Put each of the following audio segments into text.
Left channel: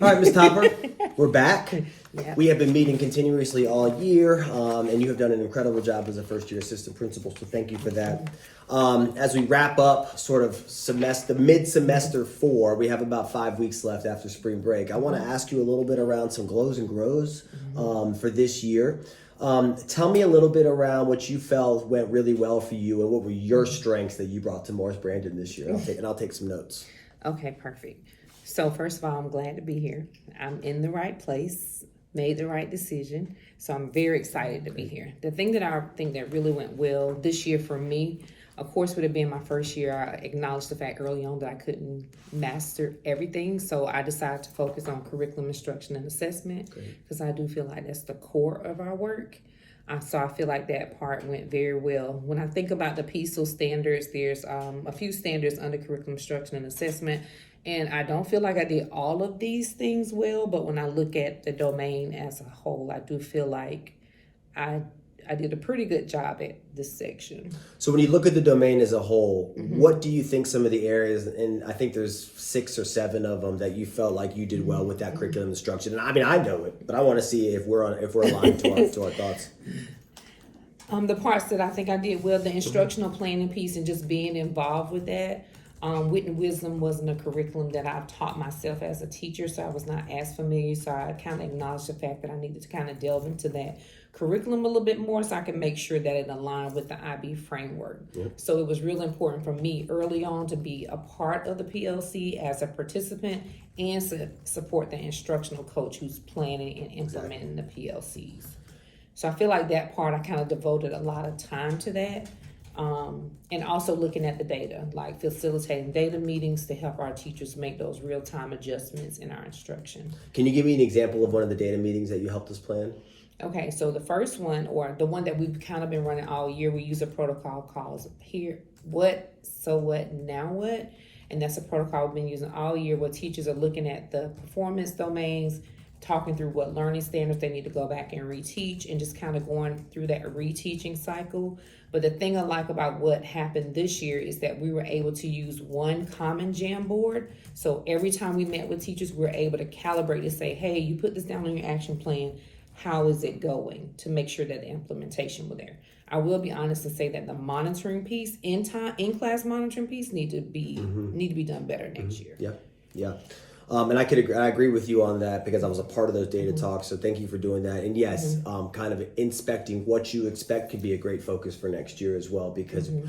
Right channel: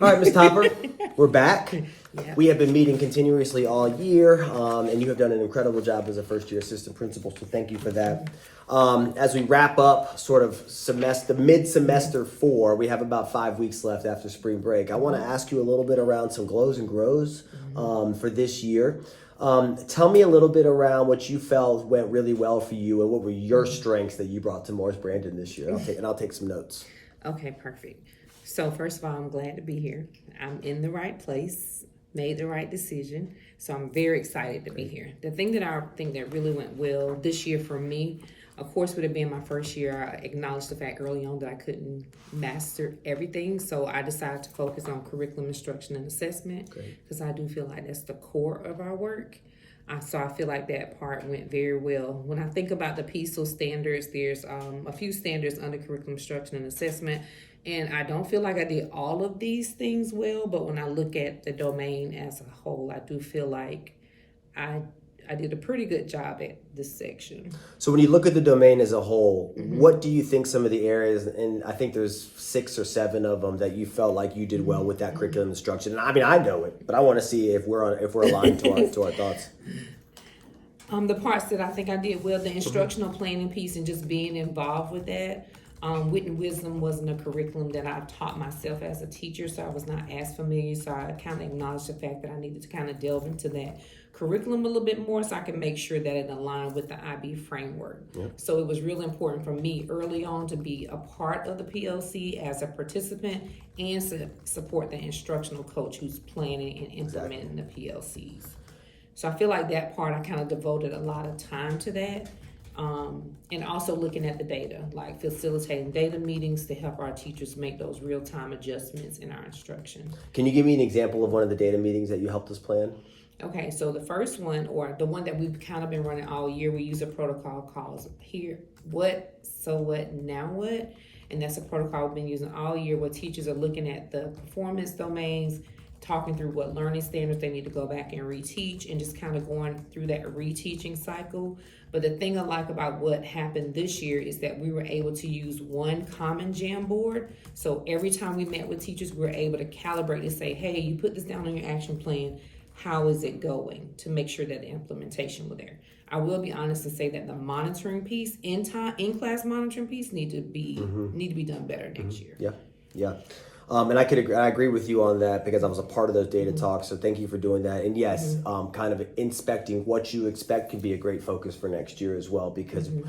All right, Ms. Topper, we're back. Yeah. We have been meeting continuously all year, and you have done an incredible job as a first-year assistant principal, so thank you for that. As we wrap up sort of mid-semester 4, we have about 5 weeks left after spring break. I want to ask you a little bit around some glows and grows for this year. Tell me a little bit around what you felt went really well for you and what were your strengths that you brought to Morris Brandon this year. I'll take some notes. Okay, perfect. So first of all, I'm glad to be here. I'm in the right place, made the right decision. So I'm very excited to be here. The thing that I think that really went well this year for me, of course, would have been my first year. I acknowledged the fact early on that I couldn't master everything. So I decided to focus on curriculum instruction and assessment because I do feel like that's the core of our work. So I feel like that part went very well. When I think about the PESEL standards, there's a few standards under curriculum instruction and assessment. And I don't feel like I did all of these things well, but when I look at the domain as a whole, I do feel like I did a pretty good job at this section. So when you look at the domain as a whole, what do you think some of the areas, and I think there's 6 or 7 of them that you felt like you did well with that curriculum instruction? And I mean, I know it, but I want to see if we're aligned to our thoughts. The parts that I think I did well, the instructional planning piece and just being involved with that. Wit and Wisdom wasn't a curriculum that I taught myself as a teacher, so I was not as familiar. So I kind of acknowledged the fact that I needed to kind of delve into that curriculum a little bit more so I can make sure that it aligned with the IB framework. So it was really important for me early on to be a part of the PLC as a participant and to support the instructional coach who's planning and implementing the PLCs. So I feel like that part, I kind of devoted a lot of time to that. And also looking at the data, like facilitating data meetings to help our teachers make those real-time adjustments in our instruction. Can you give me an example of one of the data meetings that you helped us plan? Okay, so the first one, or the one that we've kind of been running all year, we use a protocol called Here, What, So What, Now What? And that's a protocol we've been using all year where teachers are looking at the performance domains, talking through what learning standards they need to go back and reteach, and just kind of going through that reteaching cycle. But the thing I like about what happened this year is that we were able to use one common Jamboard. So every time we met with teachers, we were able to calibrate and say, hey, you put this down on your action plan. How is it going, to make sure that the implementation was there? I will be honest and say that the monitoring piece, in-class monitoring piece, need to be done better next year. Yeah. And I agree with you on that because I was a part of those data talks. So thank you for doing that. And yes, kind of inspecting what you expect could be a great focus for next year as well because you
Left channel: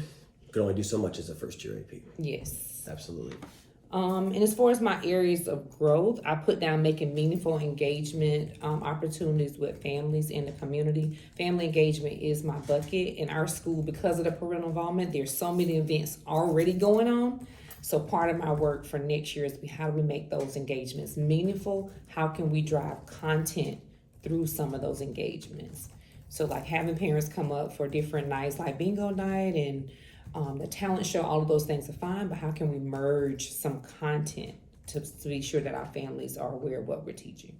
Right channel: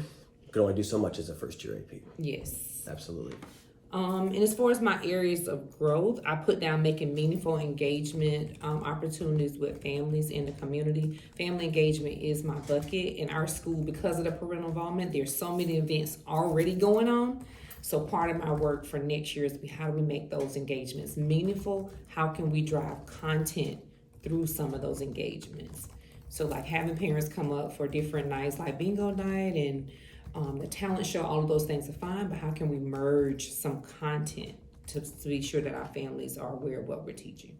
can only do so much as a first year AP. Yes. Absolutely. And as far as my areas of growth, I put down making meaningful engagement opportunities with families in the community. Family engagement is my bucket. In our school, because of the parental involvement, there's so many events already going on. So part of my work for next year is how do we make those engagements meaningful? How can we drive content through some of those engagements? So like having parents come up for different nights like bingo night and the talent show, all of those things are fine, but how can we merge some content to be sure that our families are aware of what we're teaching?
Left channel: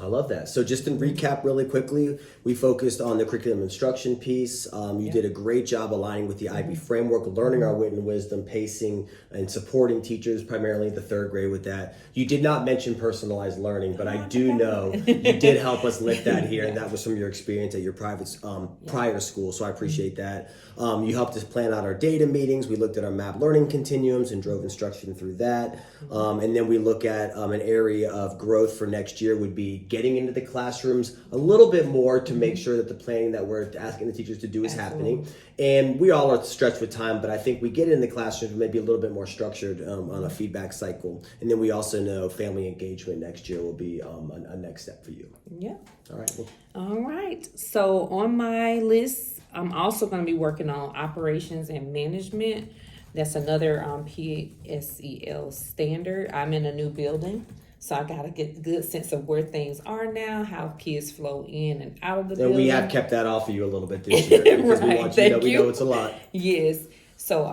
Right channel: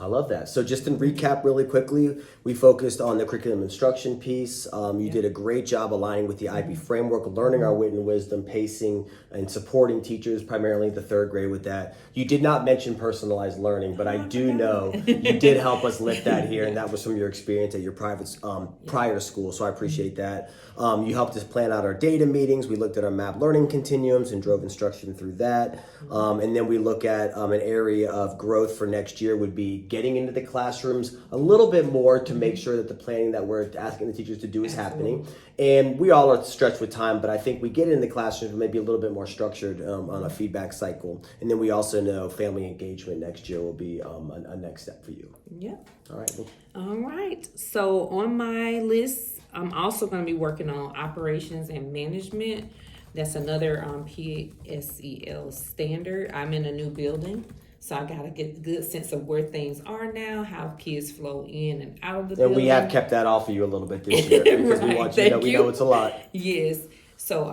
I love that. So just to recap really quickly, we focused on the curriculum instruction piece. You did a great job aligning with the IB framework, learning our wit and wisdom, pacing, and supporting teachers, primarily the 3rd grade with that. You did not mention personalized learning, but I do know you did help us lift that here, and that was from your experience at your prior school, so I appreciate that. You helped us plan out our data meetings. We looked at our map learning continuums and drove instruction through that. And then we look at an area of growth for next year would be getting into the classrooms a little bit more to make sure that the planning that we're asking the teachers to do is happening. And we all are stretched with time, but I think we get in the classrooms maybe a little bit more structured on a feedback cycle. And then we also know family engagement next year will be a next step for you. Yeah. All right. All right. So on my list, I'm also going to be working on operations and management. That's another PSEL standard. I'm in a new building, so I got to get a good sense of where things are now, how kids flow in and out of the building. And we have kept that off of you a little bit this year because we want you to know we know it's a lot. Yes. So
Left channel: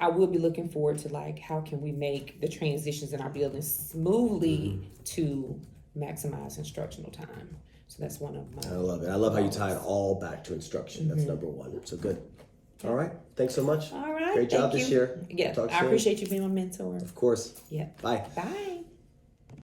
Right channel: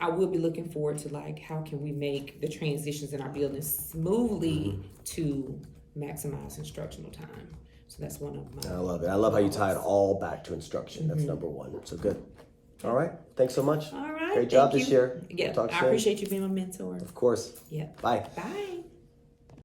I will be looking forward to like how can we make the transitions in our building smoothly to maximize instructional time. So that's one of my. I love it. I love how you tie it all back to instruction. That's number one. So good. All right. Thanks so much. All right. Great job this year. Yeah. Talk I soon. appreciate you being my mentor. Of course. Yeah. Bye. Bye.